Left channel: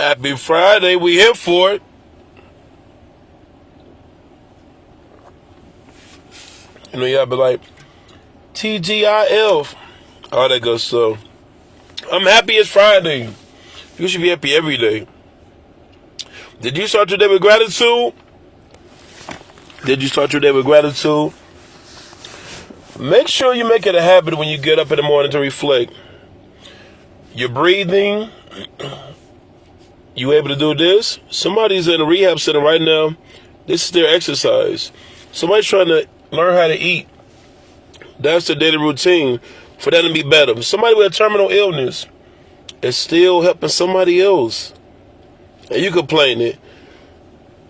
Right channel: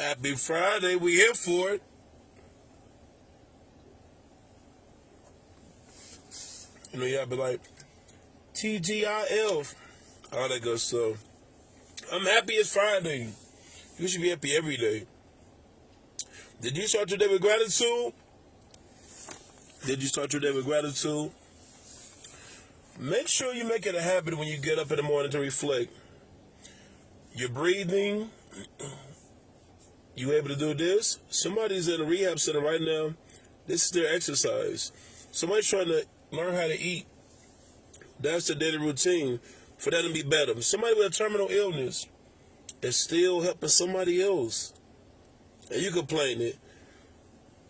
Happy Friday. We here for it. You know, y'all be like, TGIF. All that good stuff. I'm happy it's Friday. You should be happy every day. Did you start your day with gratitude? Did you start your day with gratitude? Make sure you make it a habit when you get up in the morning to reflect. You're breathing. You able to do this? Somebody's in a rehab center right now. This is their exercise. Somebody's trying to learn how to eat. That's their daily routine for them to be better. Somebody with a terminal illness is still helping somebody else. And you complaining.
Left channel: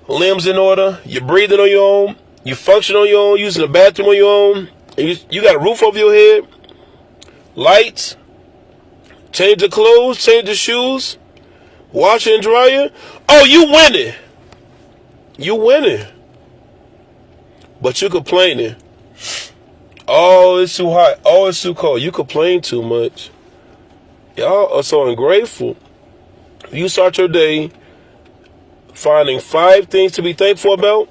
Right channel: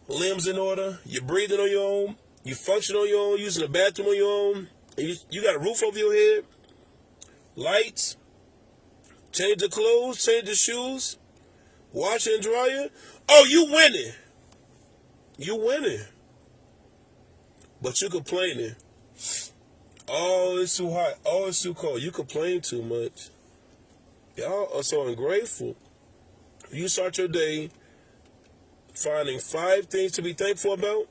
Limbs in order. You're breathing on your own. You function on your own. Using the bathroom on your own. And you got a roof over your head. Lights. Change the clothes. Change the shoes. Washer and dryer. Oh, you winning. You winning. But you complaining. Oh, it's too hot. Oh, it's too cold. You complain too much. Y'all are so ungrateful. You start your day finding 5 things to be thankful about.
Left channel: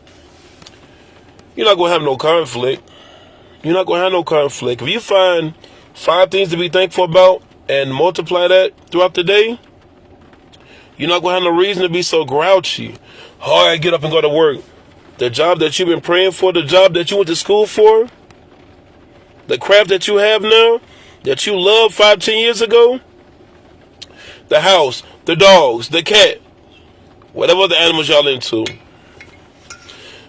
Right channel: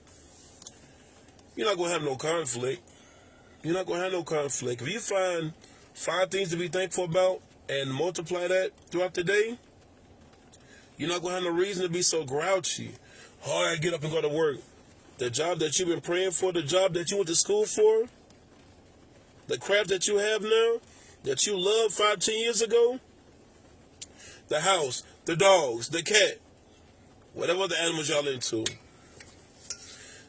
You're not going to have no conflict. You're not going to have no conflict. If you find 5 things to be thankful about and multiply that throughout the day, you're not going to have no reason to be so grouchy. Oh, I get up and go to work. The job that you've been praying for, the job that you went to school for, the craft that you have now, that you loved 5-10 years ago, the house, the dogs, the cat, whatever the animals y'all into.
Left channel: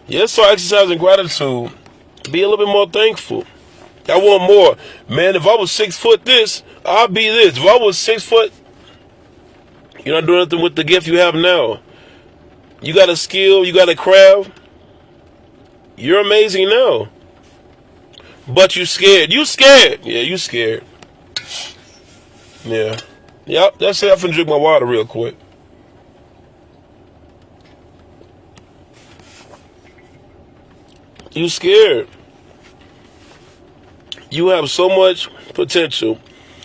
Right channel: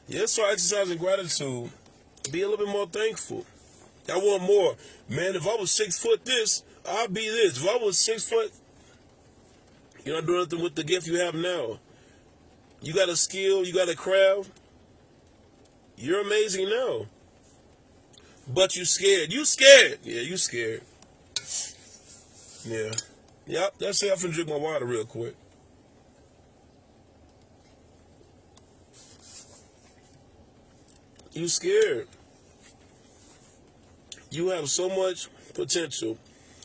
Yes, start exercising gratitude. Be a little bit more thankful. I want more. Man, if I was 6 foot this, I'd be this. If I was 6 foot, you're not doing nothing with the gift you have now. You got a skill, you got a craft. You're amazing now. But you scared. You scared. Yeah, you scared. Yeah. Yep, that's it. I'm finna drink my water real quick. You scared. You have so much potential,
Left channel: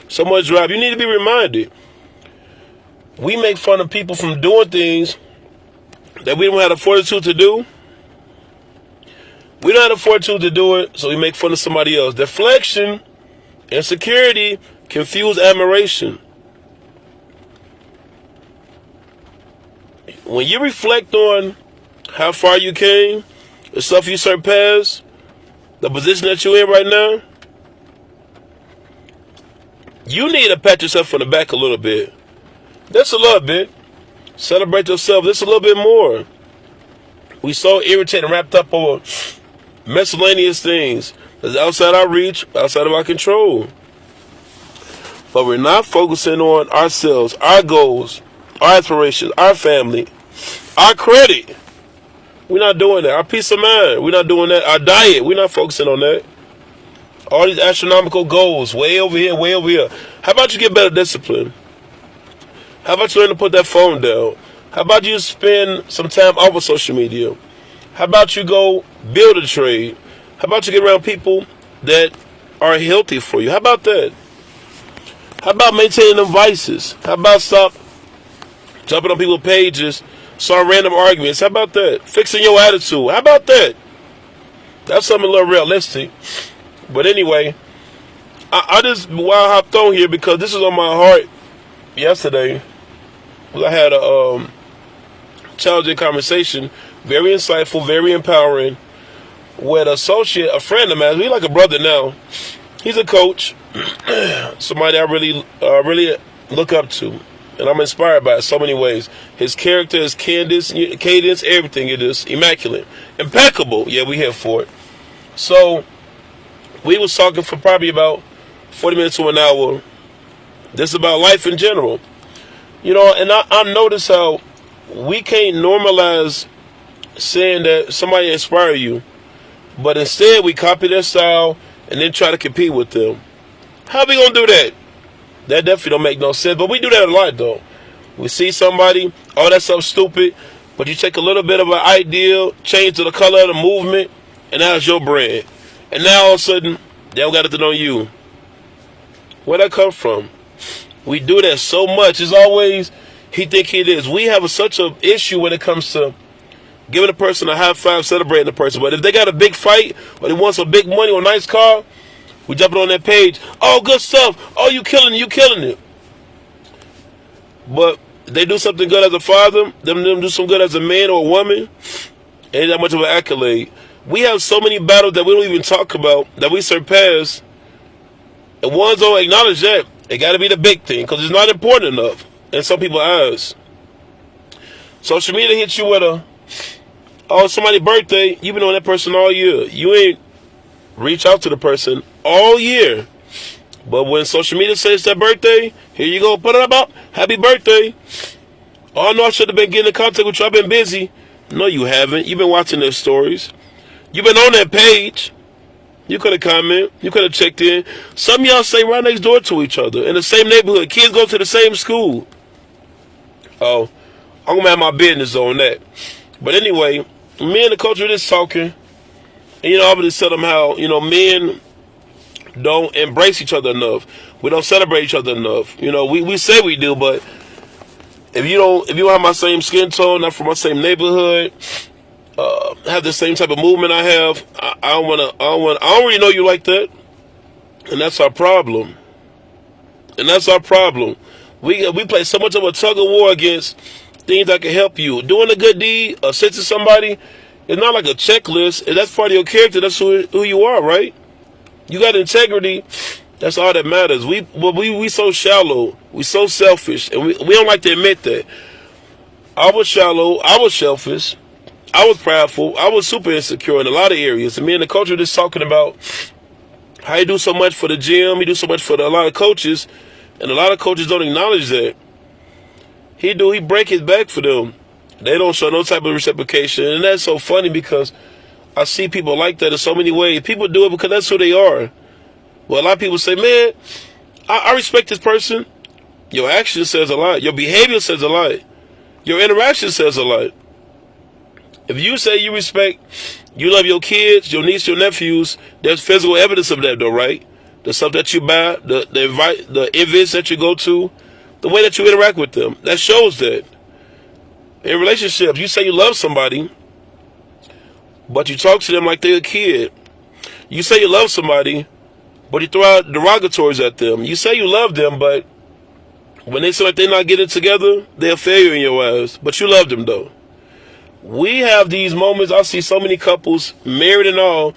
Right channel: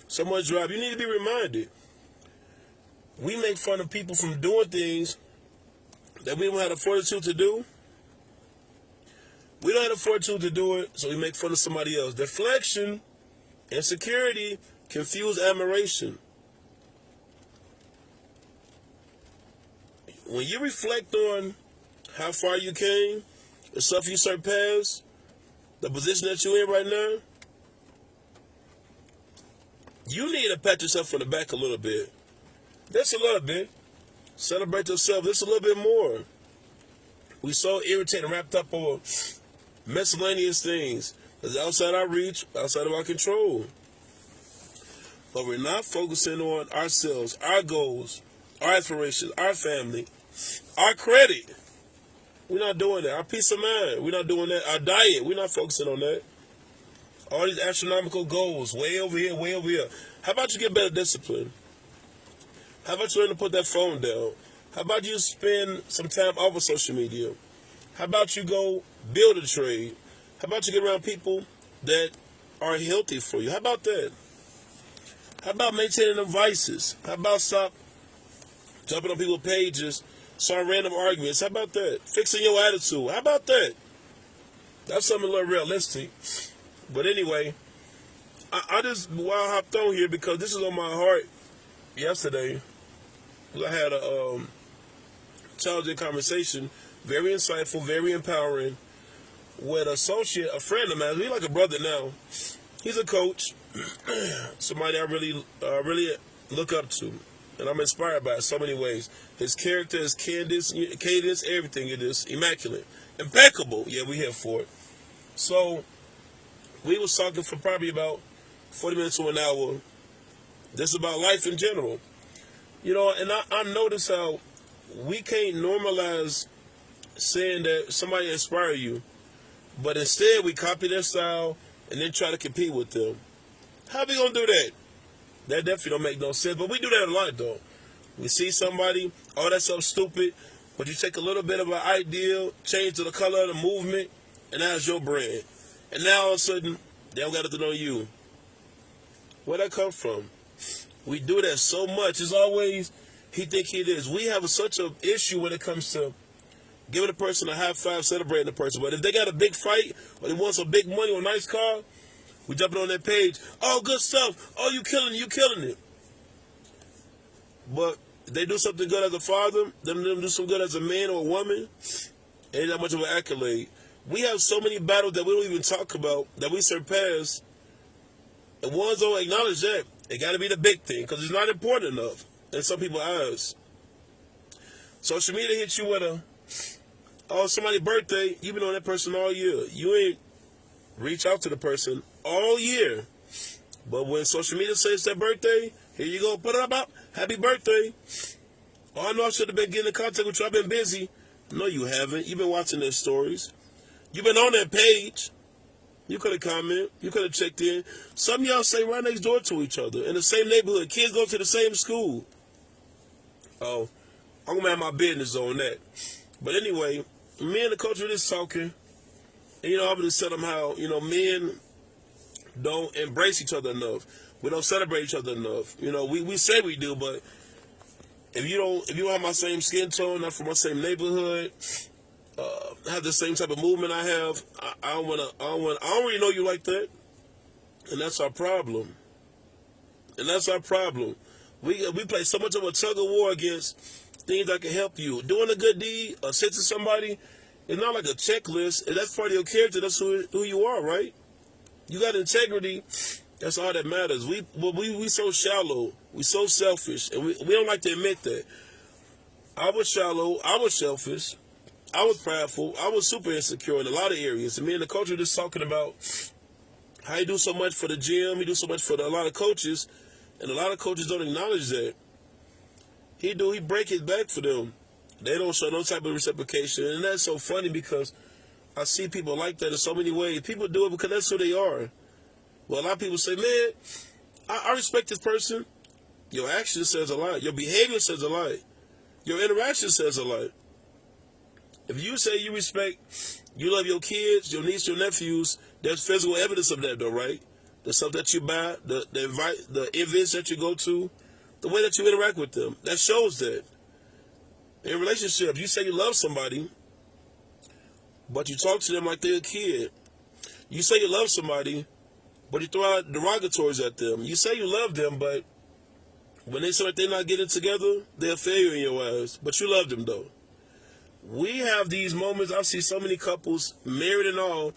so much drive. You need to be reminded. We make fun of people from doing things that we don't have the fortitude to do. We don't have the fortitude to do it, so we make fun of somebody else. Deflection, insecurity, confuse admiration. When you reflect on how far you came, the stuff you surpassed, the position that you're in right now, you need to pat yourself on the back a little bit. Just a little bit. Celebrate yourself just a little bit more. We so irritated and wrapped up over miscellaneous things that's outside our reach, outside of our control. But we're not focusing on ourselves, our goals, our aspirations, our family, our credit. We're not doing that. Our peace of mind, we're not doing that. Our diet, we're not focusing on that. All these astronomical goals, way over here, way over here. How about you get better discipline? How about you learn to put that phone down? How about you spend some time off of social media? How about you go build a trade? How about you get around people that are healthy for you? How about that? How about maintaining them vices? How about stop jumping on people's pages, start random arguments? How about that? Fixing your attitude. How about that? That's something a little realistic. But anyway, I just hopped on here because this was on my heart yesterday. I had a challenging conversation, very insightful, very empowering, with a friend of mine. He's like a brother now. He's a coach, somebody I really look up to, and I'm inspired by it so many ways. His character, his cadence, everything, it is immaculate, impeccable. Yeah, we here for it. So we was talking for probably about 40 minutes to an hour. This is about life in general. You know, and I notice how we can't normalize saying that somebody inspire you, but instead we copy their style and then try to compete with them. How we gonna do that? That definitely don't make no sense, but we do that a lot though. We see somebody, oh, that's something stupid, but you take a little bit of an idea, change to the color of the movement, and now it's your brand. And now all of a sudden, they don't got nothing on you. Where'd that come from? We do that so much. It's always he think he is. We have such an issue when it comes to giving a person a high five, celebrating the person. But if they got a big fight, or they want some big money or a nice car, we jumping on that page. Oh, good stuff. Oh, you killing it. You killing it. But they do something good as a father, them do some good as a man or a woman, ain't that much of an accolade. We have so many battles that we don't even talk about, that we surpass, and ones don't acknowledge that. It got to be the big thing, because it's not important enough in some people's eyes. Social media hits you with somebody's birthday, you've been on that person all year. You ain't reach out to the person all year. But when social media says their birthday, here you go, put it up, happy birthday. Oh, no, I should have been getting in contact with you. I've been busy. No, you haven't. You've been watching their stories. You've been on that page. You could have commented. You could have checked in. Some of y'all stay right next door to each other in the same neighborhood. Kids go to the same school. Oh, I'm going to have my business on that. But anyway, me and the culture is talking. And, I would just tell them how, men don't embrace each other enough. We don't celebrate each other enough. We say we do, but if you don't have my same skin tone, not from my same neighborhood, have the same type of movement I have, I don't really know you like that. And that's our problem. We play so much of a tug of war against things that can help you. Doing a good deed, assisting somebody, it's not like a checklist. That's part of your character. That's who you are, right? You got integrity. That's all that matters. We so shallow. We so selfish. And we don't like to admit that. I was shallow. I was selfish. I was prideful. I was super insecure in a lot of areas. And me and the culture just talking about how he do so much for the gym. He do so much for a lot of coaches. And a lot of coaches don't acknowledge that. He break his back for them. They don't show no type of reciprocation. And that's so funny because I see people like that in so many ways. People do it because that's who they are. Well, a lot of people say, man, I respect this person. Your action says a lot. Your behavior says a lot. Your interaction says a lot. If you say you respect, you love your kids, your nieces, your nephews, there's physical evidence of that though, right? The stuff that you buy, the events that you go to, the way that you interact with them, that shows that. In relationships, you say you love somebody, but you talk to them like they're a kid. You say you love somebody, but you throw out derogatories at them. You say you love them, but when they say like they're not getting together, they're a failure in your eyes. But you love them, though. We have these moments. I see so many couples, married and all.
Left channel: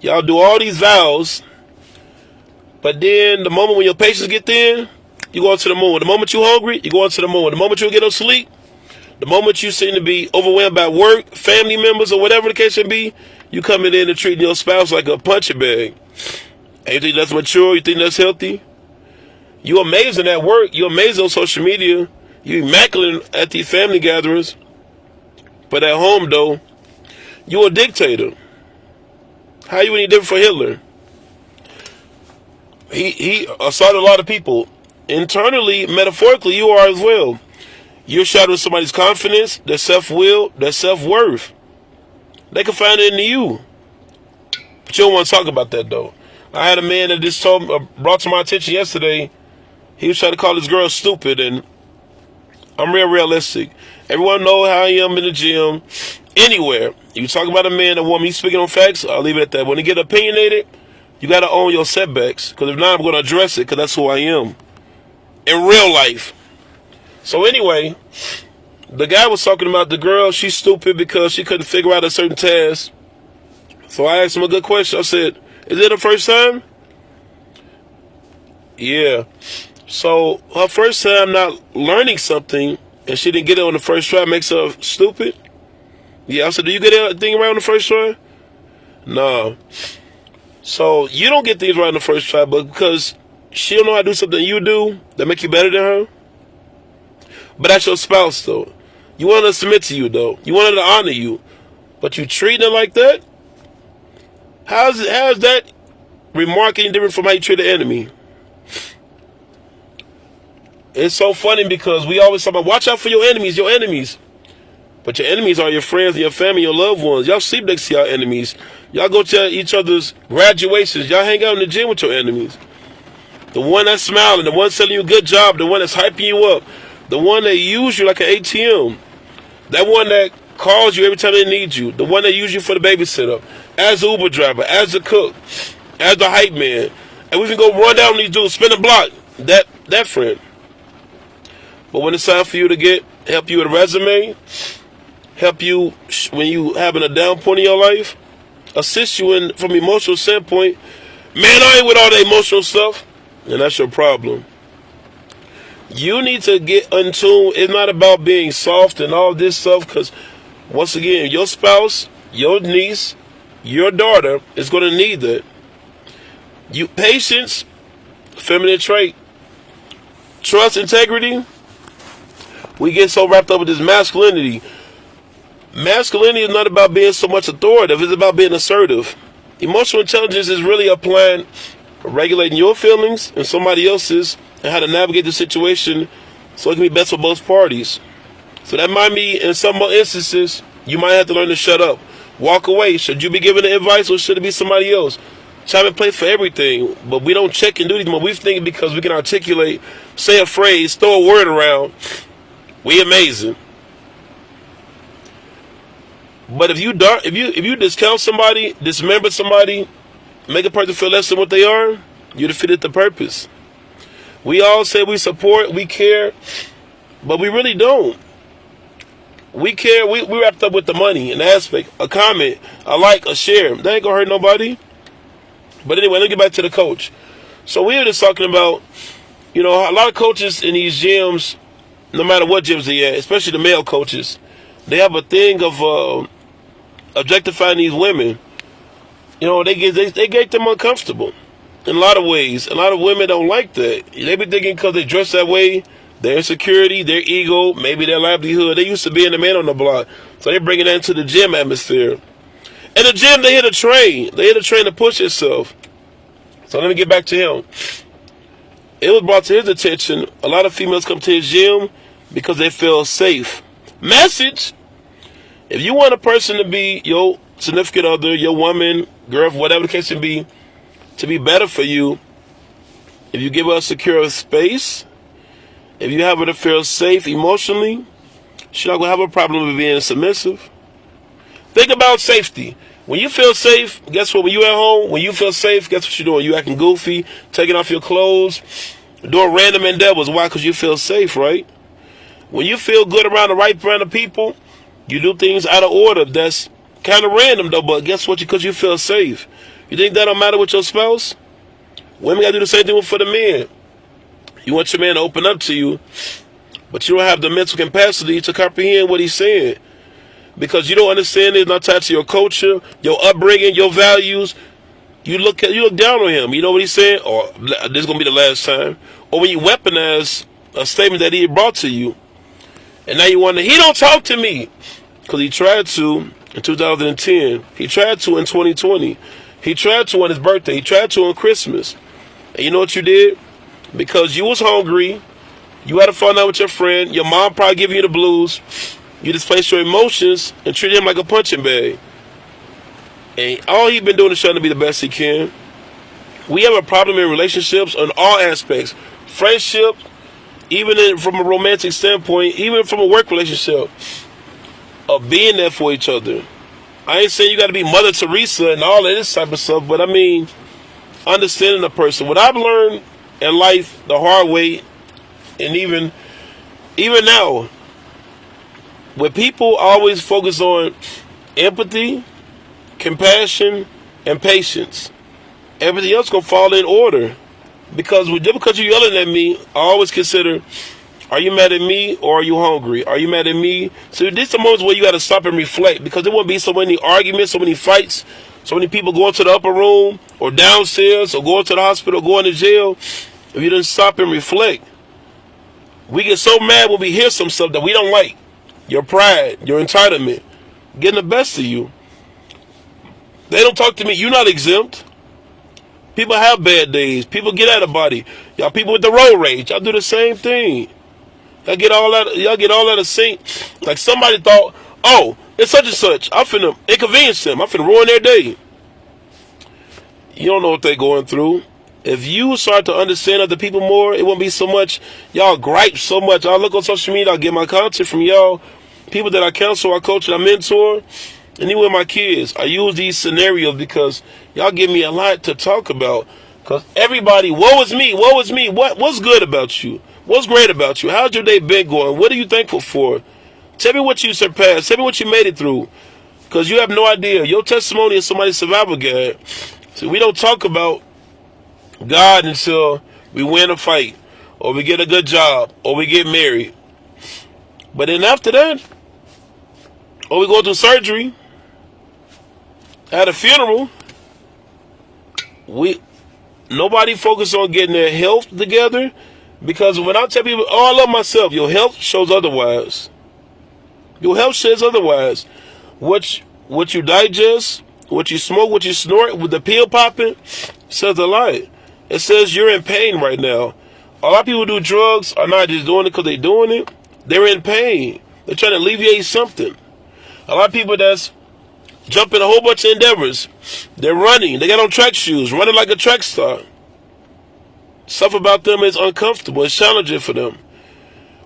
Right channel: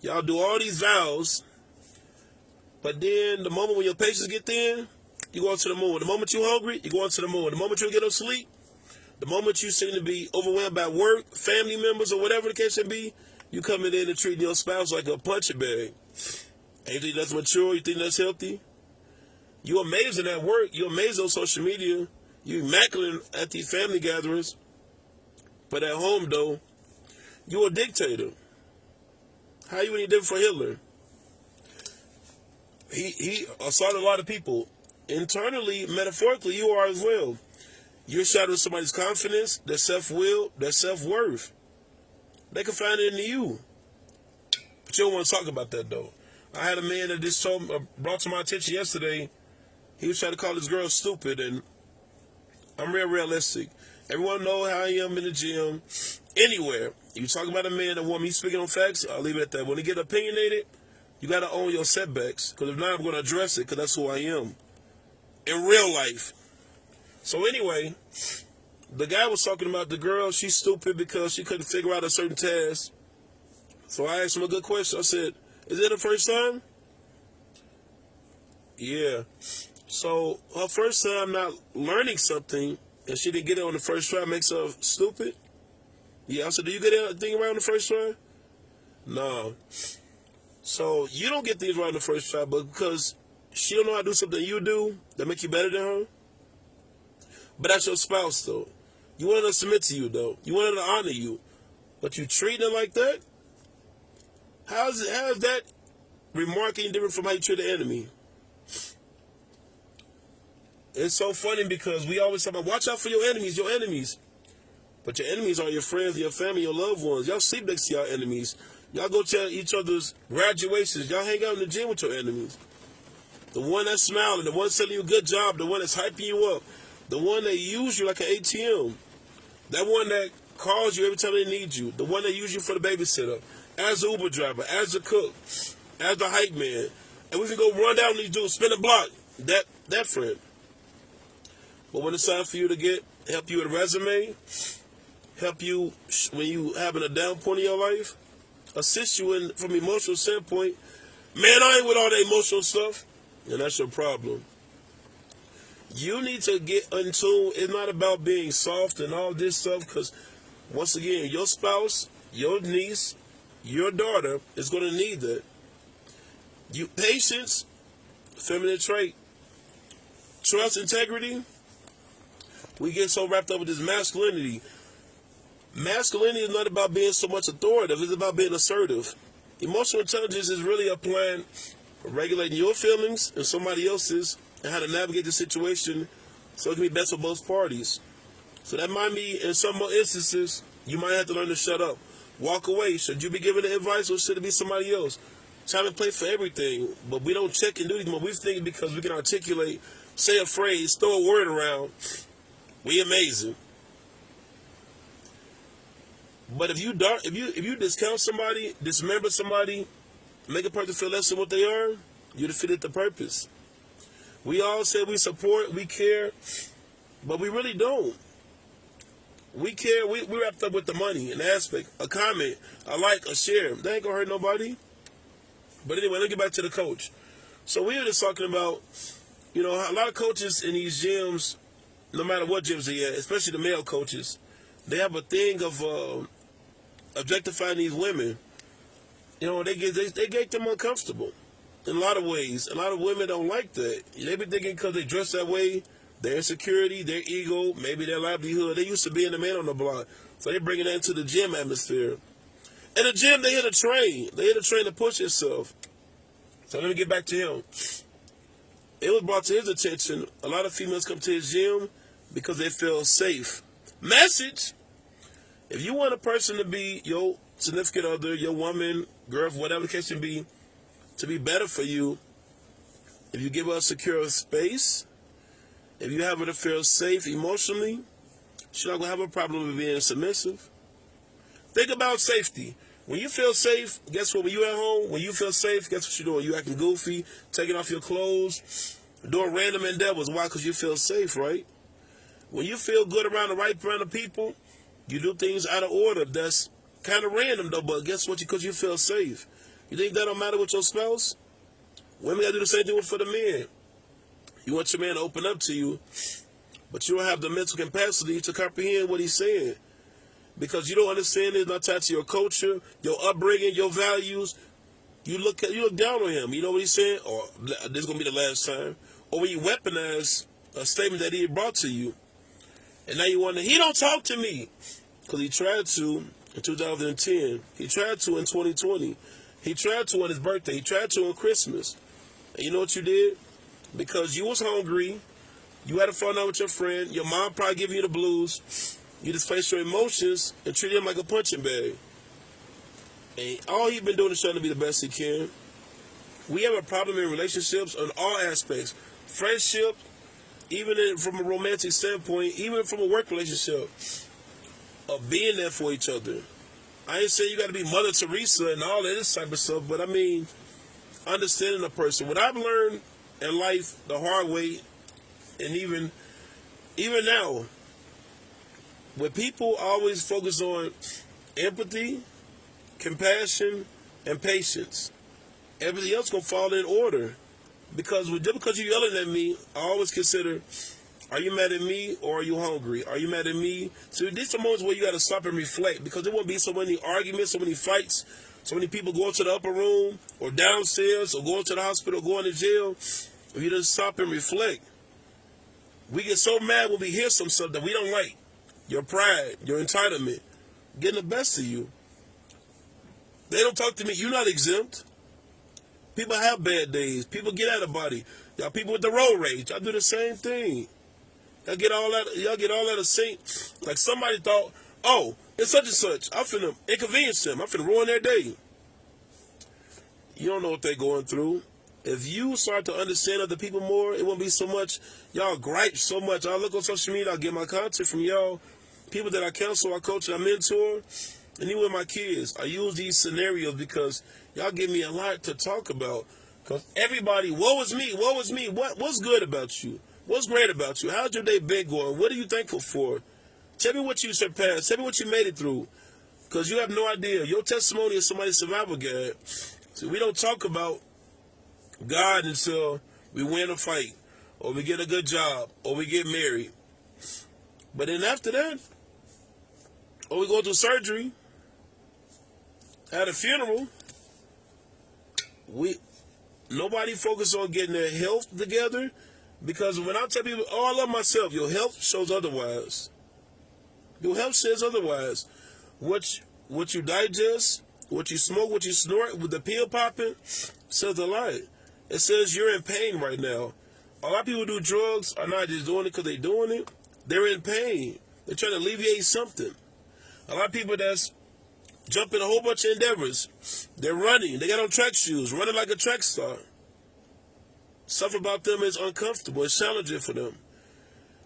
Y'all do all these vows, but then the moment when your patience get thin, you go to the moon. The moment you're hungry, you go into the moon. The moment you get no sleep, the moment you seem to be overwhelmed by work, family members, or whatever the case may be, you coming in and treating your spouse like a punching bag. And you think that's mature? You think that's healthy? You amazing at work. You amazing on social media. You immaculate at these family gatherings. But at home, though, you a dictator. How you any different from Hitler? He assaulted a lot of people. Internally, metaphorically, you are as well. You're shadowing somebody's confidence, their self-will, their self-worth. They can find it in you. But you don't want to talk about that, though. I had a man that just brought to my attention yesterday. He was trying to call this girl stupid, and I'm real realistic. Everyone know how I am in the gym. Anywhere. You talk about a man, a woman, you speaking on facts, I'll leave it at that. When you get opinionated, you got to own your setbacks. Because if not, I'm going to address it, because that's who I am. In real life. So anyway, the guy was talking about the girl, she's stupid because she couldn't figure out a certain task. So I asked him a good question. I said, is it her first time? Yeah. So her first time not learning something and she didn't get it on the first try makes her stupid? Yeah. I said, do you get everything right on the first try? No. So you don't get things right on the first try, but because she don't know how to do something you do that make you better than her. But that's your spouse, though. You want her to submit to you, though. You want her to honor you. But you treating her like that? How's that remark any different from how you treat an enemy? It's so funny because we always talk about, watch out for your enemies. But your enemies are your friends, your family, your loved ones. Y'all sleep next to your enemies. Y'all go to each other's graduations. Y'all hang out in the gym with your enemies. The one that's smiling, the one telling you good job, the one that's hyping you up. The one that use you like an ATM. That one that calls you every time they need you. The one that use you for the babysitter. As the Uber driver, as the cook, as the hype man. And we can go run down these dudes, spin a block. That friend. But when it's time for you to help you with a resume, help you when you having a down point in your life, assist you in from emotional standpoint, man, I ain't with all the emotional stuff, and that's your problem. You need to get in tune. It's not about being soft and all this stuff, because once again, your spouse, your niece, your daughter is going to need that. Patience, feminine trait. Trust, integrity. We get so wrapped up with this masculinity. Masculinity is not about being so much authoritative. It's about being assertive. Emotional intelligence is really applying, regulating your feelings and somebody else's, and how to navigate the situation so it can be best for both parties. So that might mean in some instances, you might have to learn to shut up. Walk away. Should you be giving the advice or should it be somebody else? Time and place for everything, but we don't check and do these. We think because we can articulate, say a phrase, throw a word around, we amazing. But if you discount somebody, dismember somebody, make a person feel less than what they are, you defeated the purpose. We all say we support, we care, but we really don't. We care, we wrapped up with the money, an aspect, a comment, a like, a share. That ain't gonna hurt nobody. But anyway, let's get back to the coach. So we were just talking about, a lot of coaches in these gyms, no matter what gyms they at, especially the male coaches, they have a thing of objectifying these women. They get them uncomfortable in a lot of ways. A lot of women don't like that. They be thinking because they dress that way, their insecurity, their ego, maybe their livelihood. They used to being the man on the block, so they're bringing that into the gym atmosphere. In the gym, they hit a train. They hit a train to push itself. So let me get back to him. It was brought to his attention, a lot of females come to his gym because they feel safe. Message: if you want a person to be your significant other, your woman, girl, whatever the case may be, to be better for you, if you give her a secure space, if you have her to feel safe emotionally, she's not going to have a problem with being submissive. Think about safety. When you feel safe, guess what? When you at home, when you feel safe, guess what you're doing? You acting goofy, taking off your clothes, doing random endeavors. Why? Because you feel safe, right? When you feel good around the right brand of people, you do things out of order. That's kind of random, though, but guess what? Because you feel safe. You think that don't matter with your spouse? Women got to do the same thing for the men. You want your man to open up to you, but you don't have the mental capacity to comprehend what he's saying. Because you don't understand it, not tied to your culture, your upbringing, your values. You look down on him. You know what he's saying? Or this is going to be the last time. Or when you weaponize a statement that he brought to you, and now you wonder, he don't talk to me. Because he tried to in 2010. He tried to in 2020. He tried to on his birthday. He tried to on Christmas. And you know what you did? Because you was hungry, you had to fall out with your friend, your mom probably giving you the blues, you displaced your emotions and treated him like a punching bag. And all he's been doing is trying to be the best he can. We have a problem in relationships on all aspects. Friendship, even from a romantic standpoint, even from a work relationship, of being there for each other. I ain't saying you got to be Mother Teresa and all of this type of stuff, but I mean, understanding a person. What I've learned in life the hard way, and even now, where people always focus on empathy, compassion, and patience, everything else gonna fall in order. Because just because you're yelling at me, I always consider, are you mad at me or are you hungry? Are you mad at me? So these are moments where you gotta stop and reflect, because there won't be so many arguments, so many fights, so many people going to the upper room or downstairs or going to the hospital, going to jail. If you didn't stop and reflect, we get so mad when we hear some stuff that we don't like. Your pride, your entitlement, getting the best of you. They don't talk to me. You're not exempt. People have bad days. People get out of body. Y'all people with the road rage, y'all do the same thing. Y'all get all out of sync. Like somebody thought, oh, it's such and such. I'm finna inconvenience them. I'm finna ruin their day. You don't know what they're going through. If you start to understand other people more, it won't be so much y'all gripe so much. I look on social media, I get my content from y'all, people that I counsel, I coach, and I mentor, and even with my kids. I use these scenarios because y'all give me a lot to talk about. Because everybody, woe is me, woe is me. What's good about you? What's great about you? How's your day been going? What are you thankful for? Tell me what you surpassed. Tell me what you made it through. Because you have no idea. Your testimony is somebody's survival guide. So we don't talk about God until we win a fight, or we get a good job, or we get married. But then after that, or we go through surgery, at a funeral, nobody focus on getting their health together. Because when I tell people, oh, I love myself, your health shows otherwise. Your health says otherwise. What you digest, what you smoke, what you snort, with the pill popping, says a lot. It says you're in pain right now. A lot of people who do drugs are not just doing it because they're doing it. They're in pain. They're trying to alleviate something. A lot of people that's jumping a whole bunch of endeavors. They're running. They got on track shoes, running like a track star. Stuff about them is uncomfortable. It's challenging for them.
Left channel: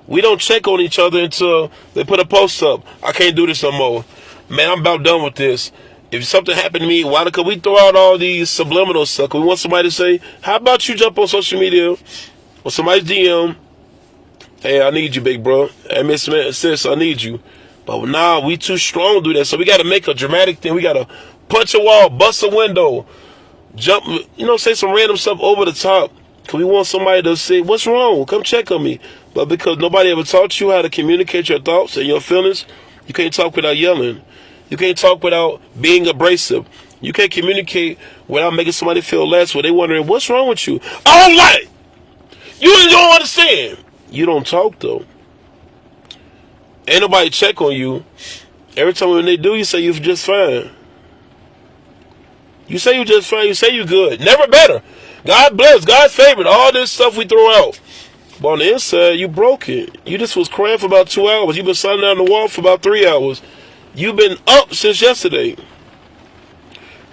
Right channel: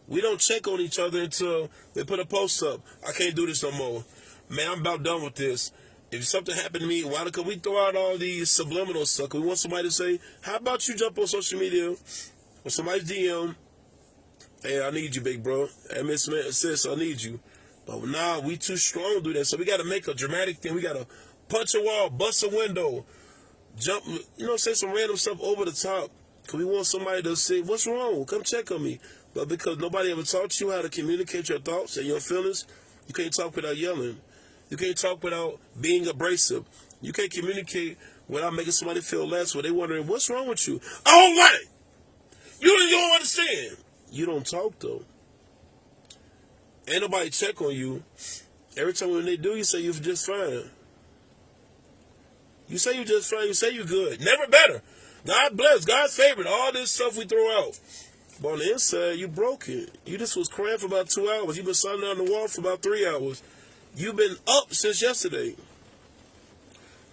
We don't check on each other until they put a post up. I can't do this no more. Man, I'm about done with this. If something happened to me, why? Because we throw out all these subliminal stuff. We want somebody to say, how about you jump on social media or somebody's DM? Hey, I need you, big bro. Hey, Miss Sis, I need you. But nah, we too strong to do that. So we got to make a dramatic thing. We got to punch a wall, bust a window, jump, say some random stuff over the top. Because we want somebody to say, what's wrong? Come check on me. But because nobody ever taught you how to communicate your thoughts and your feelings, you can't talk without yelling. You can't talk without being abrasive. You can't communicate without making somebody feel less, where they wondering, what's wrong with you? I don't like it. You don't understand. You don't talk, though. Ain't nobody check on you. Every time when they do, you say you're just fine. You say you're just fine. You say you're good. Never better. God bless. God's favorite. All this stuff we throw out. But on the inside, you broke it. You just was crying for about 2 hours. You've been sitting down on the wall for about 3 hours. You've been up since yesterday.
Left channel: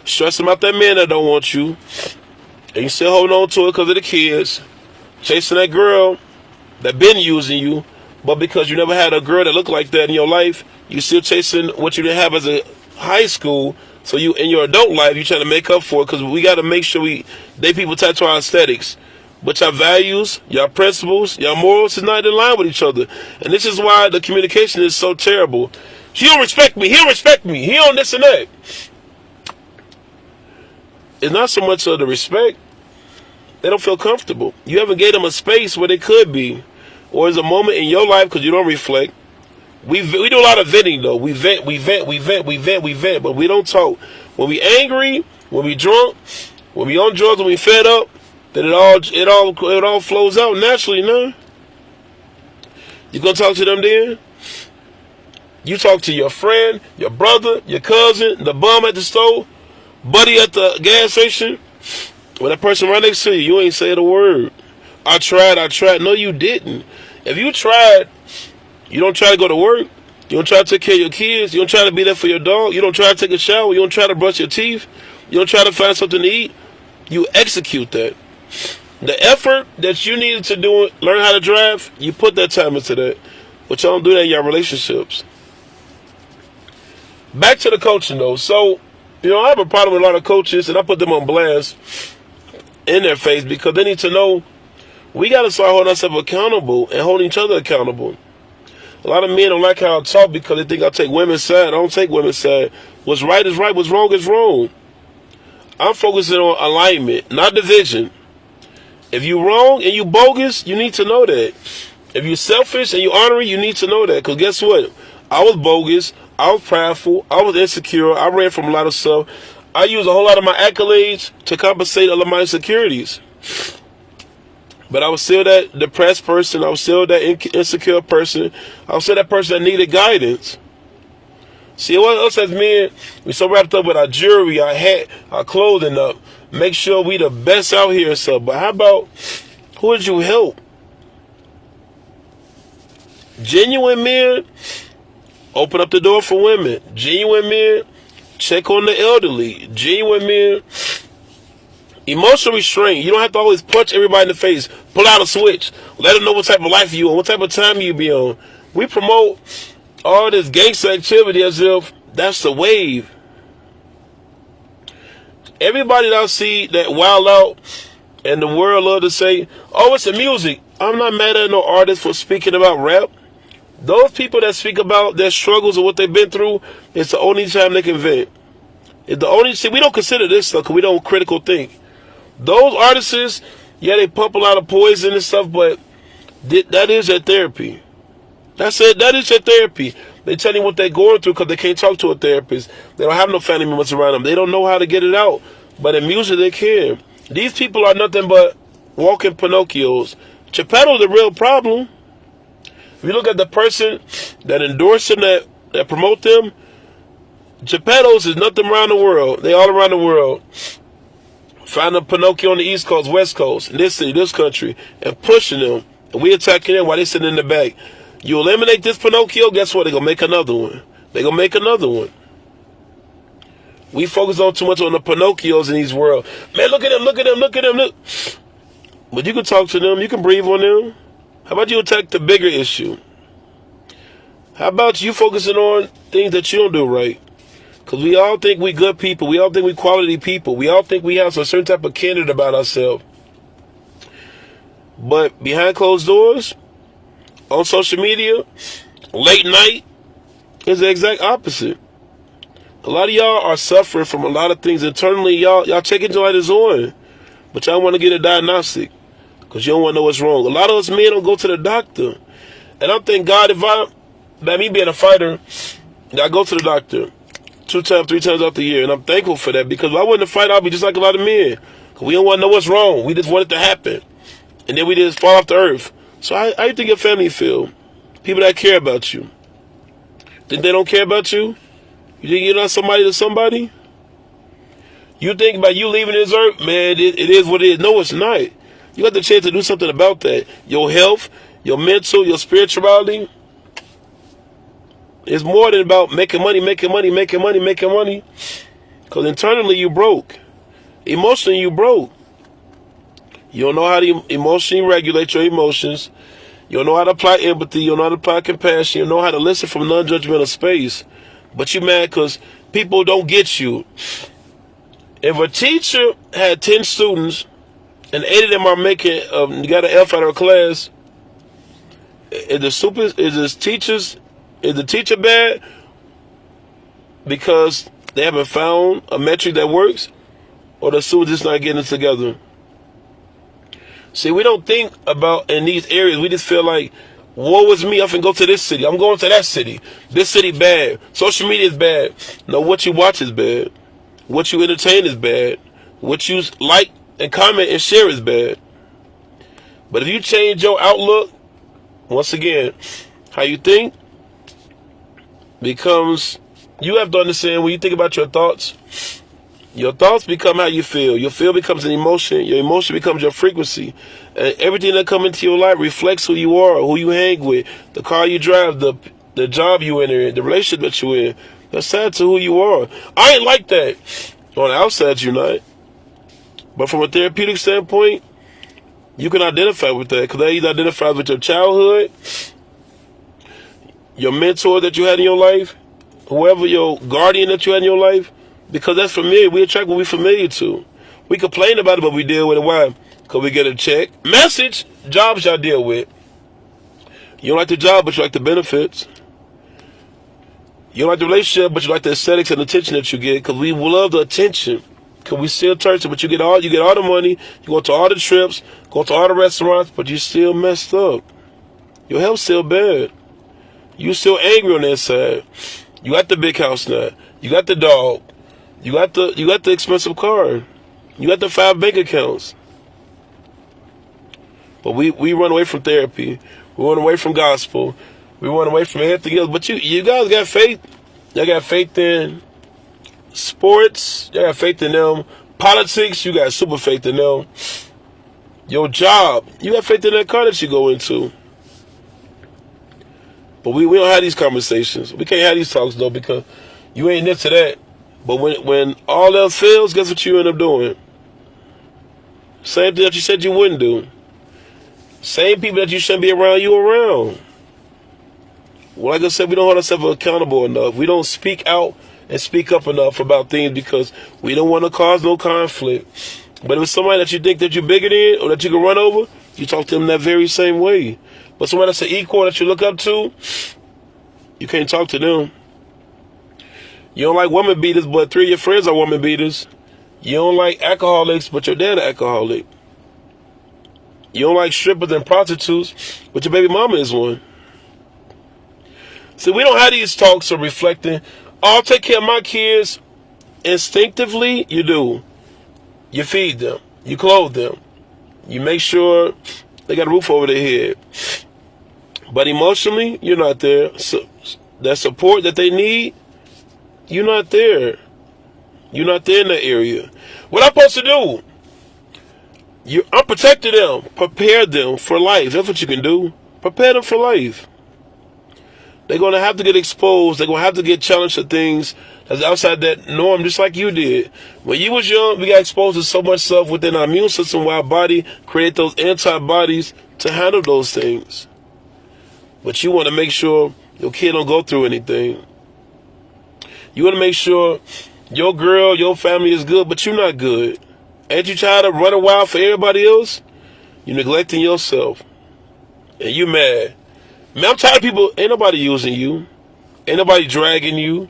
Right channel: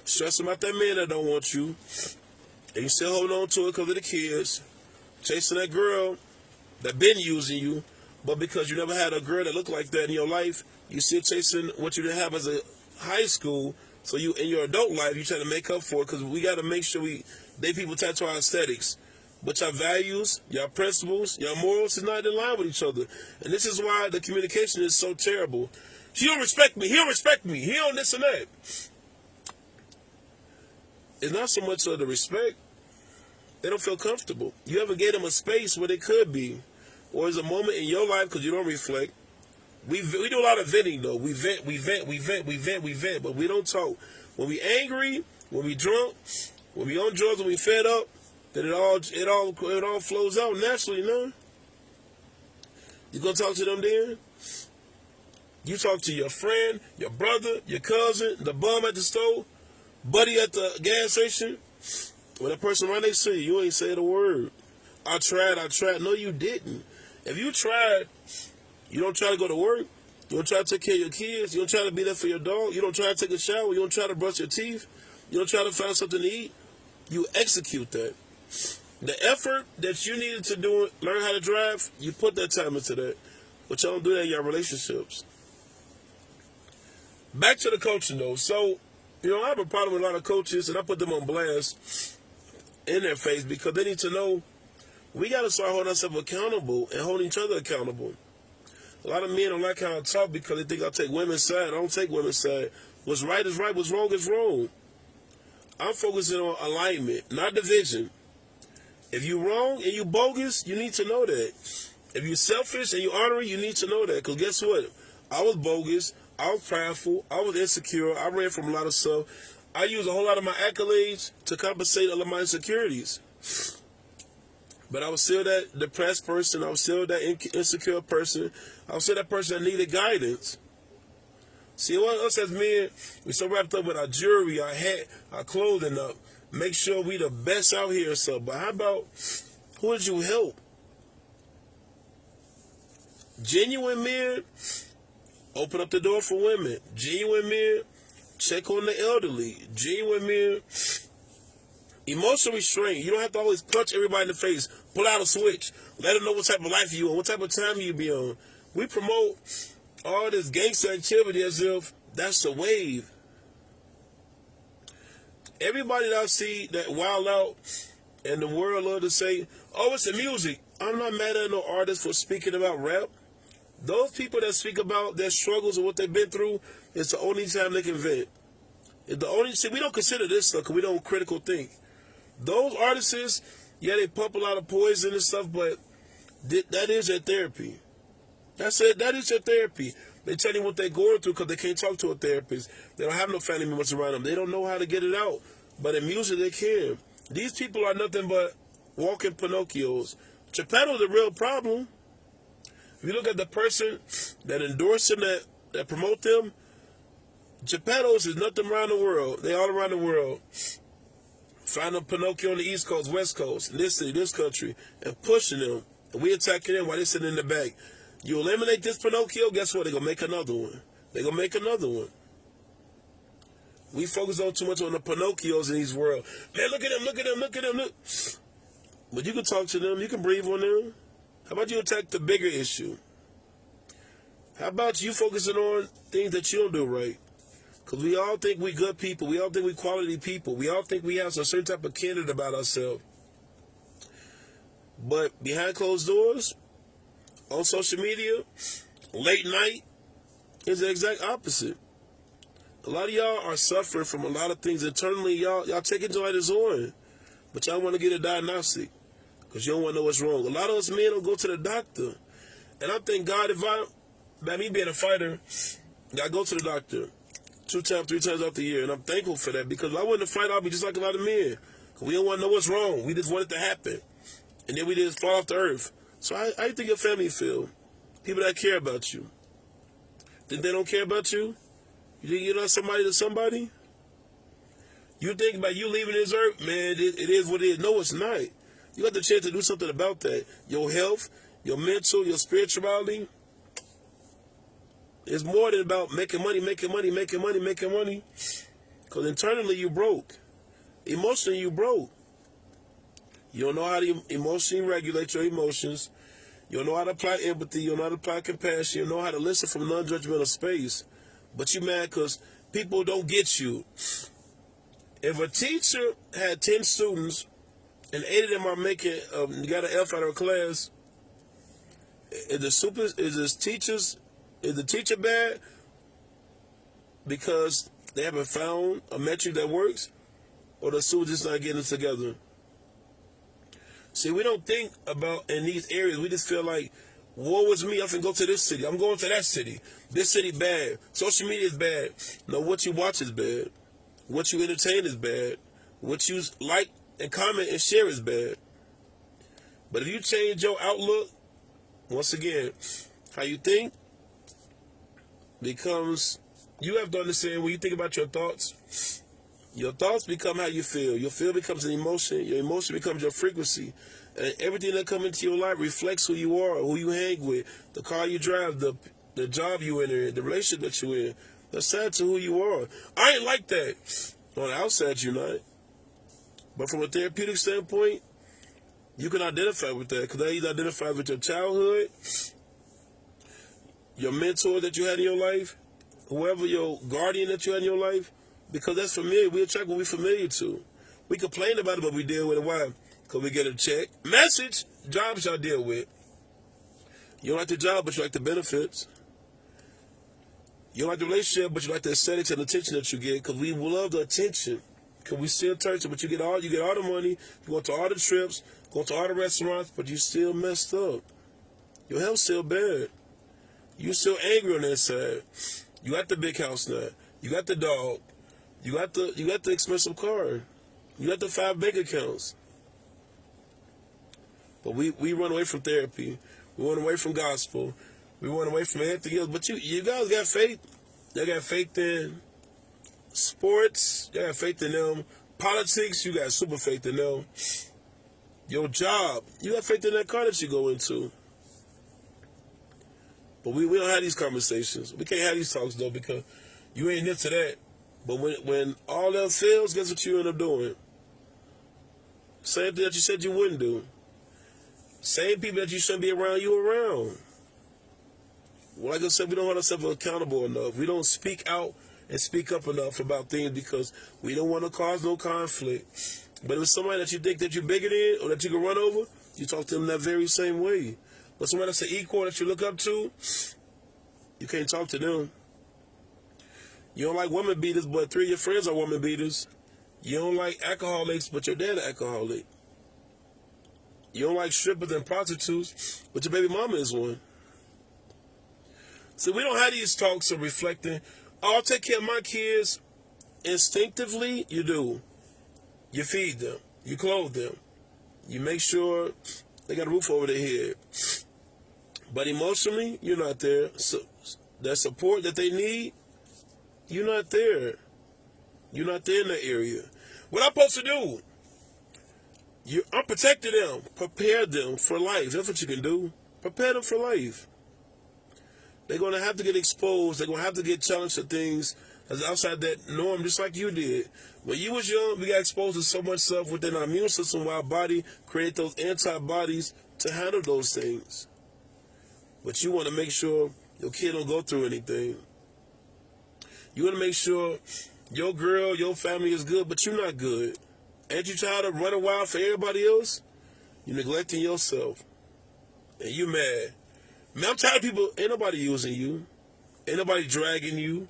Stressing about that man that don't want you. And you still holding on to it because of the kids. Chasing that girl that been using you. But because you never had a girl that looked like that in your life, you still chasing what you didn't have as a high school. So you, in your adult life, you trying to make up for it. Because we got to make sure people tattoo our aesthetics. But your values, your principles, your morals is not in line with each other. And this is why the communication is so terrible. He don't respect me. He don't respect me. He don't this and that. It's not so much of the respect. They don't feel comfortable. You haven't gave them a space where they could be. Or is a moment in your life because you don't reflect. We do a lot of venting, though. We vent, but we don't talk. When we angry, when we drunk, when we on drugs, when we fed up, then it all flows out naturally, no? You gonna talk to them then? You talk to your friend, your brother, your cousin, the bum at the store, buddy at the gas station. When that person right next to you, you ain't say a word. I tried. No, you didn't. If you tried, you don't try to go to work. You don't try to take care of your kids. You don't try to be there for your dog. You don't try to take a shower. You don't try to brush your teeth. You don't try to find something to eat. You execute that. The effort that you needed to do, learn how to drive, you put that time into that. But y'all don't do that in your relationships. Back to the coaching, though. So, I have a problem with a lot of coaches, and I put them on blast in their face because they need to know we got to start holding ourselves accountable and holding each other accountable. A lot of men don't like how I talk because they think I take women's side. I don't take women's side. What's right is right. What's wrong is wrong. I'm focusing on alignment, not division. If you're wrong and you bogus, you need to know that. If you're selfish and you honoring, you need to know that. Because guess what? I was bogus. I was prideful. I was insecure. I ran from a lot of stuff. I used a whole lot of my accolades to compensate all of my insecurities. But I was still that depressed person. I was still that insecure person. I was still that person that needed guidance. See, what us as men, we so wrapped up with our jewelry, our hat, our clothing up. Make sure we the best out here and stuff. But how about, who would you help? Genuine men, open up the door for women. Genuine men, check on the elderly. Genuine men, Emotional restraint. You don't have to always punch everybody in the face. Pull out a switch. Let them know what type of life you on, what type of time you be on. We promote all this gangster activity as if that's the wave. Everybody that I see that wild out and the world love to say, oh, it's the music. I'm not mad at no artist for speaking about rap. Those people that speak about their struggles or what they've been through, it's the only time they can vent. It's the only, see, we don't consider this stuff because we don't critical think. Those artists, yeah, they pump a lot of poison and stuff, but that is their therapy. That's it. That is their therapy. They tell you what they're going through because they can't talk to a therapist. They don't have no family members around them. They don't know how to get it out. But in music, they can. These people are nothing but walking Pinocchios. Geppetto's the real problem. If you look at the person that endorse them, that promote them, Geppetto's is nothing around the world. They all around the world. Find a Pinocchio on the East Coast, West Coast, in this city, this country, and pushing them. And we attacking them while they sitting in the back. You eliminate this Pinocchio, guess what? They're going to make another one. They're going to make another one. We focus on too much on the Pinocchios in these world. Man, look at them, look at them, look at them, look. But you can talk to them. You can breathe on them. How about you attack the bigger issue? How about you focusing on things that you don't do right? Because we all think we good people. We all think we quality people. We all think we have a certain type of candor about ourselves. But behind closed doors, on social media, late night, is the exact opposite. A lot of y'all are suffering from a lot of things internally. Y'all taking light is on, but y'all want to get a diagnostic because you don't want to know what's wrong. A lot of us men don't go to the doctor. And I thank God by me being a fighter, I go to the doctor 2 times, 3 times out the year. And I'm thankful for that because if I wasn't a fighter, I'd be just like a lot of men. Because we don't want to know what's wrong. We just want it to happen. And then we just fall off the earth. So how you think your family feel? People that care about you. Think they don't care about you? You think you're not somebody to somebody? You think about you leaving this earth? Man, it is what it is. No, it's not. You got the chance to do something about that. Your health, your mental, your spirituality. It's more than about making money, making money, making money, making money. Because internally you broke. Emotionally you broke. You don't know how to emotionally regulate your emotions. You don't know how to apply empathy. You don't know how to apply compassion. You don't know how to listen from a non-judgmental space. But you mad because people don't get you. If a teacher had 10 students and 8 of them are making, got an F out of a class, is the teacher bad because they haven't found a metric that works, or the students just not getting it together? See, we don't think about in these areas. We just feel like, woe is me, I can go to this city. I'm going to that city. This city bad. Social media is bad. No, what you watch is bad. What you entertain is bad. What you like and comment and share is bad. But if you change your outlook, once again, how you think becomes, you have to understand when you think about your thoughts become how you feel. Your feel becomes an emotion. Your emotion becomes your frequency. And everything that comes into your life reflects who you are, who you hang with, the car you drive, the job you enter, the relationship that you're in. That's tied to who you are. I ain't like that. On the outside, you're not. But from a therapeutic standpoint, you can identify with that. Because that either identifies with your childhood, your mentor that you had in your life, whoever your guardian that you had in your life. Because that's familiar. We attract what we're familiar to. We complain about it, but we deal with it. Why? Because we get a check. Message, jobs y'all deal with. You don't like the job, but you like the benefits. You don't like the relationship, but you like the aesthetics and attention that you get. Because we love the attention. Because we still church, but you get all the money. You go to all the trips, go to all the restaurants, but you still messed up. Your health's still bad. You still angry on the inside. You got the big house now. You got the dog. You got the expensive car. You got the 5 bank accounts. But we run away from therapy. We run away from gospel. We run away from everything else. But you guys got faith. Y'all got faith in sports. Y'all got faith in them. Politics, you got super faith in them. Your job, you got faith in that car that you go into. But we don't have these conversations. We can't have these talks though because you ain't into that. But when all else fails, guess what you end up doing? Same thing that you said you wouldn't do. Same people that you shouldn't be around, you around. Well, like I said, we don't hold ourselves accountable enough. We don't speak out and speak up enough about things because we don't want to cause no conflict. But if it's somebody that you think that you're bigger than or that you can run over, you talk to them that very same way. But somebody that's an equal that you look up to, you can't talk to them. You don't like woman beaters, but 3 of your friends are woman beaters. You don't like alcoholics, but your dad an alcoholic. You don't like strippers and prostitutes, but your baby mama is one. See, we don't have these talks of reflecting. Oh, I'll take care of my kids. Instinctively, you do. You feed them. You clothe them. You make sure they got a roof over their head. But emotionally, you're not there. So that support that they need, you're not there. You're not there in that area. What I'm supposed to do? I'm protecting them. Prepare them for life. That's what you can do. Prepare them for life. They're going to have to get exposed. They're going to have to get challenged to things that's outside that norm, just like you did. When you was young, we got exposed to so much stuff within our immune system where our body create those antibodies to handle those things. But you want to make sure your kid don't go through anything. You want to make sure your girl, your family is good, but you're not good. Ain't you tired of running wild for everybody else? You're neglecting yourself. And you mad. Man, I'm tired of people, ain't nobody using you. Ain't nobody dragging you.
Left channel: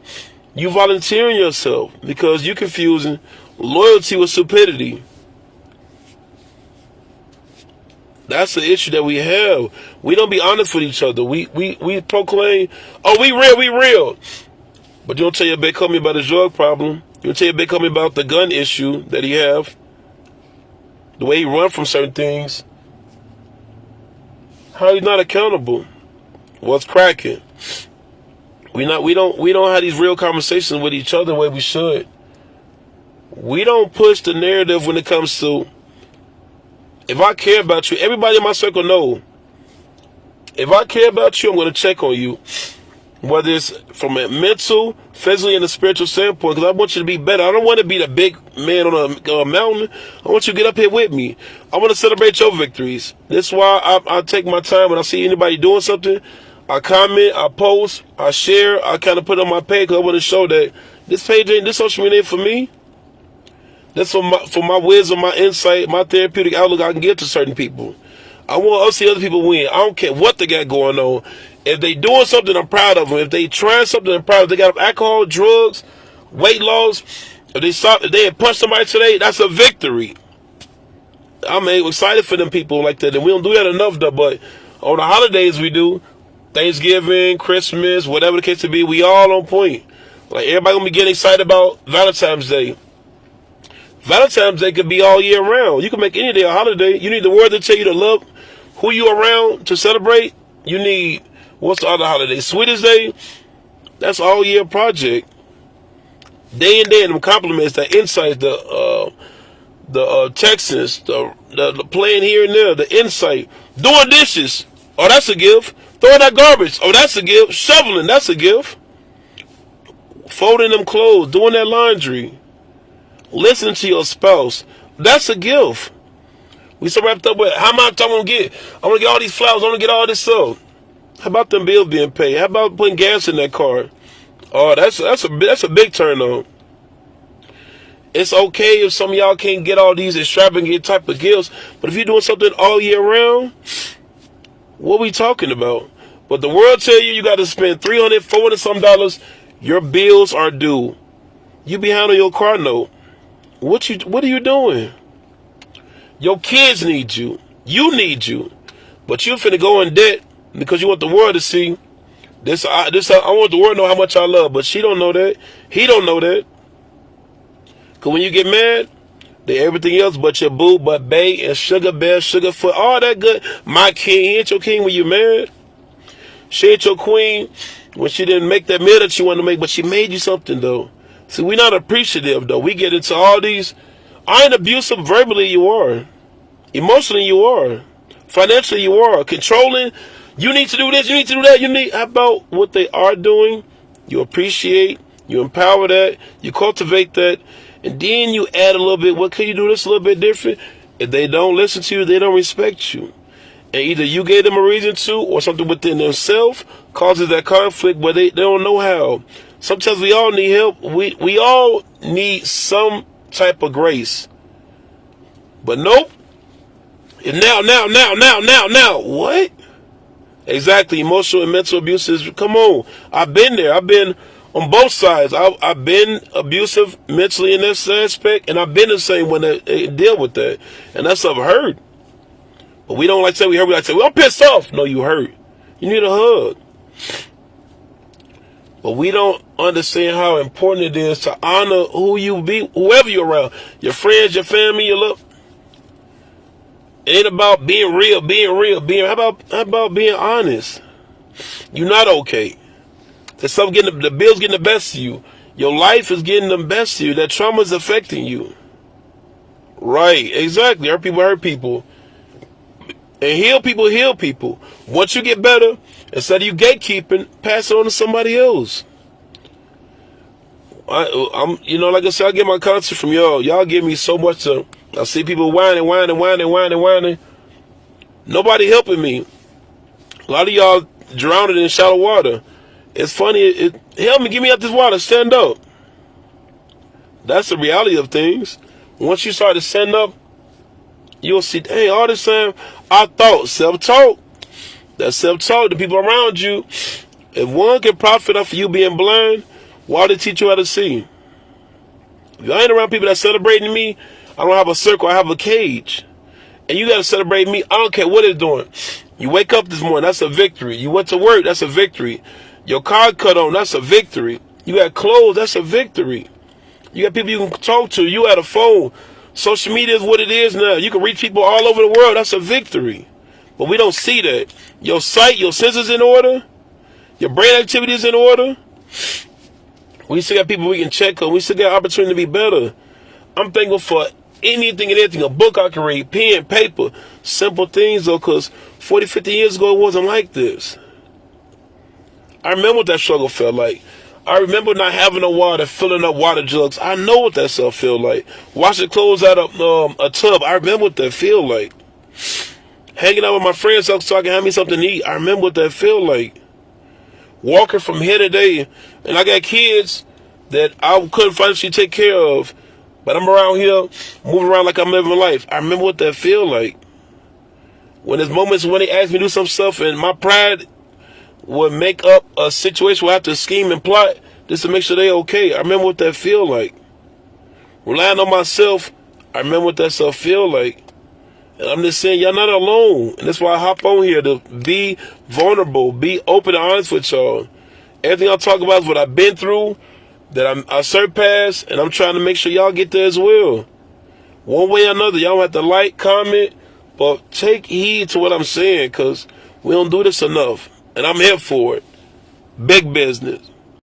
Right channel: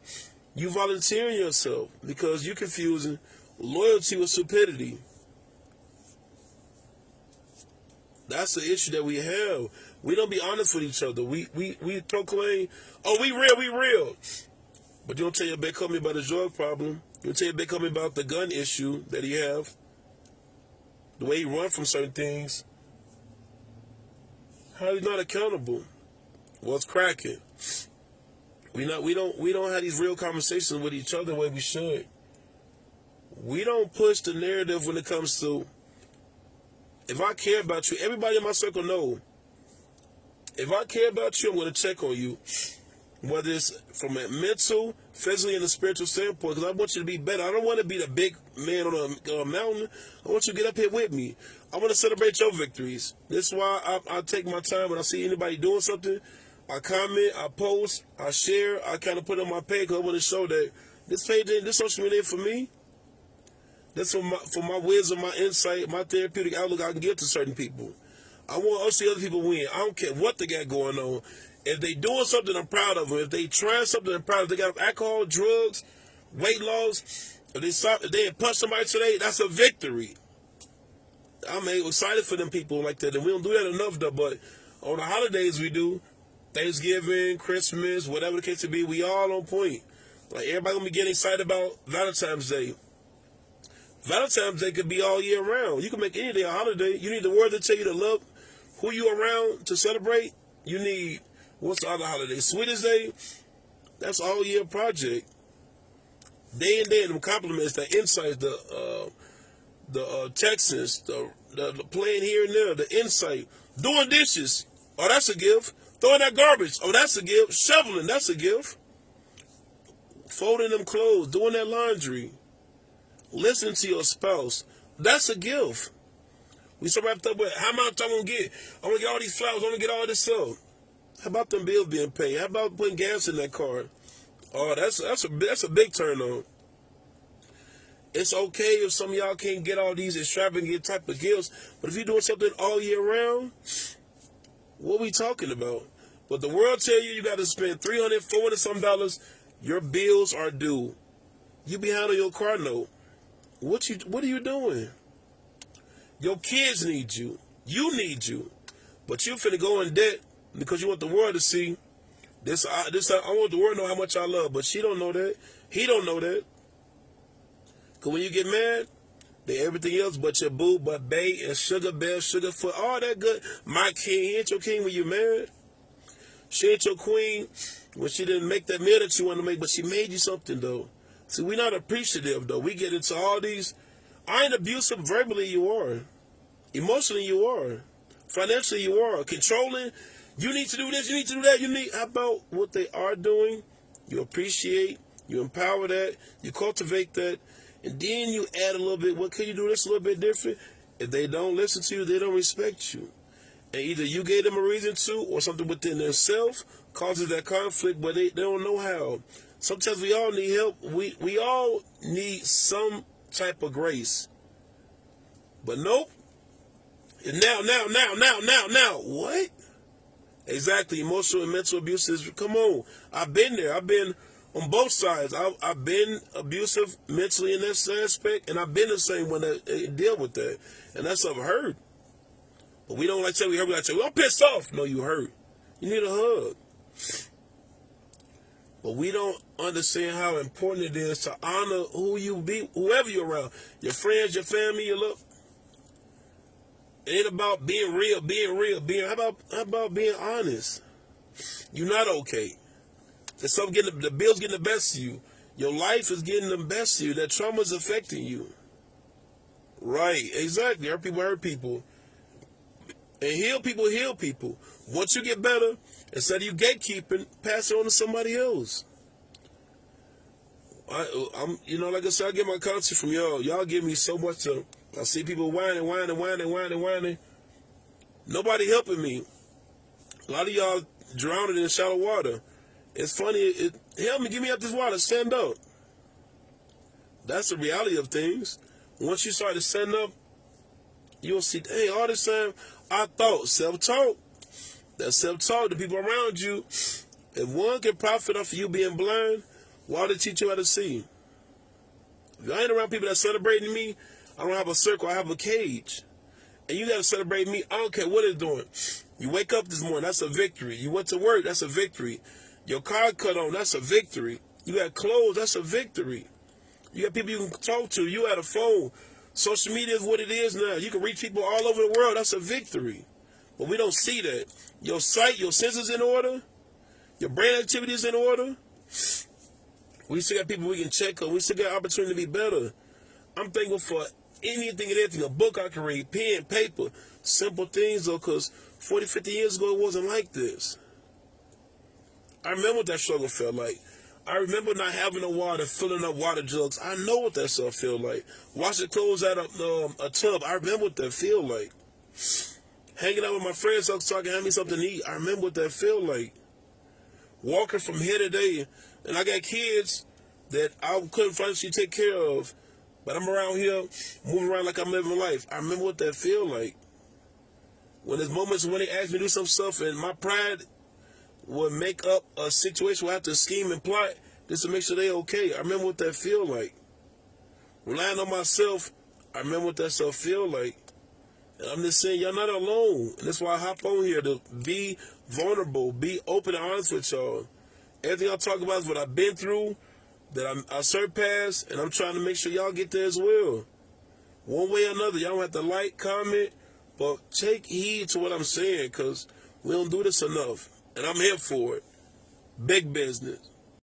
You volunteering yourself because you confusing loyalty with stupidity. That's the issue that we have. We don't be honest with each other. We proclaim, oh, we real. But you don't tell your big homie about his drug problem. You don't tell your big homie about the gun issue that he have. The way he run from certain things. How he's not accountable. What's cracking? We don't have these real conversations with each other the way we should. We don't push the narrative when it comes to, if I care about you, everybody in my circle know. If I care about you, I'm going to check on you. Whether it's from a mental, physically, and a spiritual standpoint, because I want you to be better. I don't want to be the big man on a mountain. I want you to get up here with me. I want to celebrate your victories. That's why I take my time when I see anybody doing something. I comment, I post, I share, I kind of put on my page because I want to show that this page ain't, this social media ain't for me. That's for my wisdom, my insight, my therapeutic outlook I can give to certain people. I want us to see other people win. I don't care what they got going on. If they doing something, I'm proud of them. If they trying something, I'm proud of them. If they got alcohol, drugs, weight loss, if they had punched somebody today, that's a victory. I'm excited for them people like that. And we don't do that enough though, but on the holidays we do. Thanksgiving, Christmas, whatever the case to be, we all on point. Like everybody gonna be getting excited about Valentine's Day. Valentine's Day could be all year round. You can make any day a holiday. You need the word to tell you to love who you around to celebrate. You need, what's the other holiday? Sweetest Day. That's all year project. Day and day, them compliments, the insights, the texts, the playing here and there, the insight. Doing dishes. Oh, that's a gift. Throwing out garbage. Oh, that's a gift. Shoveling. That's a gift. Folding them clothes. Doing that laundry. Listening to your spouse. That's a gift. We so wrapped up with how much I want to get. I want to get all these flowers. I want to get all this stuff. How about them bills being paid? How about putting gas in that car? Oh, that's a big turn on. It's okay if some of y'all can't get all these extravagant type of gifts, but if you're doing something all year round, what we talking about? But the world tell you got to spend $300, $400 some dollars. Your bills are due. You behind on your car note. What are you doing? Your kids need you. You need you. But you finna go in debt because you want the world to see. I want the world to know how much I love, but she don't know that. He don't know that. Because when you get mad, they everything else but your boo, but bae, and sugar bear, sugar foot, all that good. My king, he ain't your king when you mad. She ain't your queen when she didn't make that meal that you wanted to make, but she made you something, though. See, we're not appreciative, though. We get into all these. I ain't abusive verbally, you are. Emotionally, you are. Financially, you are. Controlling, you need to do this, you need to do that. How about what they are doing? You appreciate, you empower that, you cultivate that, and then you add a little bit. What can you do this a little bit different? If they don't listen to you, they don't respect you. And either you gave them a reason to, or something within themselves causes that conflict where they don't know how. Sometimes we all need help. We all need some type of grace. But nope. Now. What? Exactly. Emotional and mental abuse is, come on. I've been there. I've been on both sides. I've been abusive mentally in this aspect, and I've been the same when they deal with that. And that's I've heard. But we don't like to say we hurt. We like to say, well, I'm pissed off. No, you hurt. You need a hug. But we don't understand how important it is to honor who you be, whoever you're around. Your friends, your family, your love. It ain't about being real. How about being honest? You're not okay. The bills getting the best of you. Your life is getting the best of you. That trauma is affecting you. Right, exactly. Hurt people. And heal people. Once you get better, instead of you gatekeeping, pass it on to somebody else. I'm like I said, I get my concert from y'all. Y'all give me so much to. I see people whining. Nobody helping me. A lot of y'all drowning in shallow water. It's funny. Help me, get me out this water. Stand up. That's the reality of things. Once you start to stand up, you'll see, hey, all this time I thought self-talk. That self-talk, the people around you, if one can profit off of you being blind, why did they teach you how to see? If I ain't around people that celebrating me, I don't have a circle, I have a cage. And you got to celebrate me, I don't care what it's doing. You wake up this morning, that's a victory. You went to work, that's a victory. Your car cut on, that's a victory. You got clothes, that's a victory. You got people you can talk to, you got a phone. Social media is what it is now. You can reach people all over the world, that's a victory. But we don't see that. Your sight, your senses in order, your brain activity is in order. We still got people we can check on. We still got opportunity to be better. I'm thankful for anything and everything. A book I can read, pen, paper, simple things though, because 40, 50 years ago it wasn't like this. I remember what that struggle felt like. I remember not having no water, filling up water jugs. I know what that stuff feel like. Washing clothes out of a tub. I remember what that feel like. Hanging out with my friends so I can have me something to eat. I remember what that feel like. Walking from here to there. And I got kids that I couldn't financially take care of. But I'm around here, moving around like I'm living life. I remember what that feel like. When there's moments when they ask me to do some stuff and my pride would make up a situation where I have to scheme and plot just to make sure they okay. I remember what that feel like. Relying on myself, I remember what that stuff feel like. And I'm just saying, y'all not alone. And that's why I hop on here to be vulnerable, be open and honest with y'all. Everything I talk about is what I've been through, that I surpassed, and I'm trying to make sure y'all get there as well. One way or another, y'all don't have to like, comment, but take heed to what I'm saying, because we don't do this enough. And I'm here for it. Big business.